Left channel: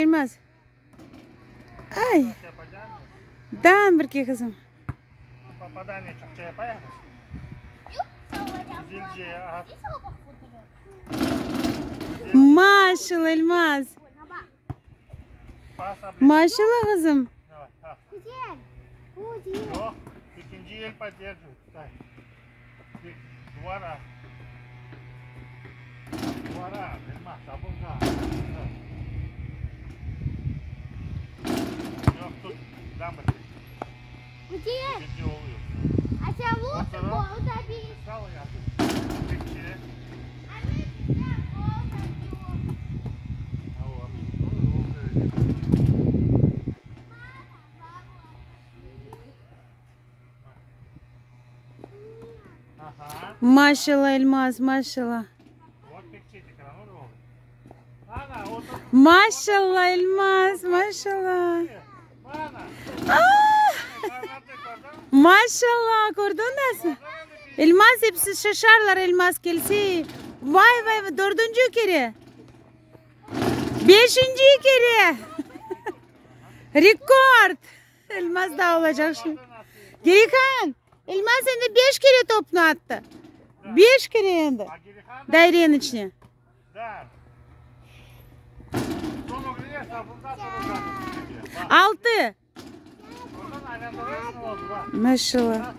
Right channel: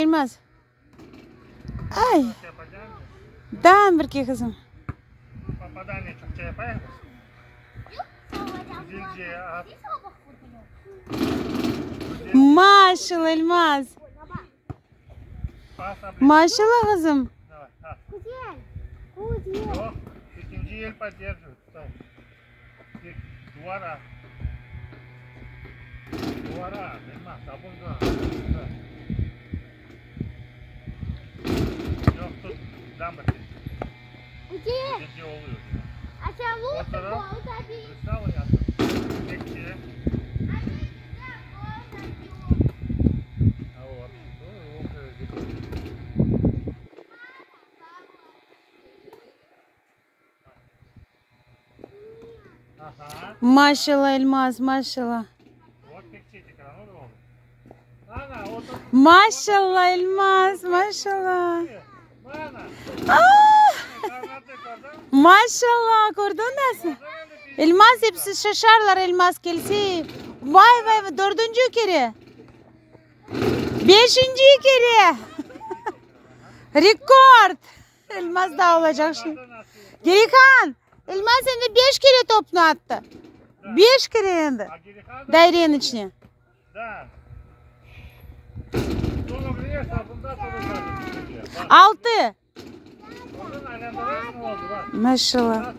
Elmas. Ay. Dan bir kızım. Maşallah Elmas. Maşallah kızım. İkinci el поддерживает. Двора, Elmas, табунга. Yok tut, дамы. Где? А чего ты гол забил? А мы тебя гол забил. Maşallah Elmas, maşallah. Maşallah Elmas, maşallah. Maşallah, gördün mü? Elmas hepsi şaşarlar Elmas gelsi. Vay vay, dördüncü kere. Beşinci kere. Rekord. Elmas da olacak şimdi. Gerikan, Elmas şimdi 5 kere topunu attı. 5 kere yendi. Dairenin içine. Altı. Maşallah.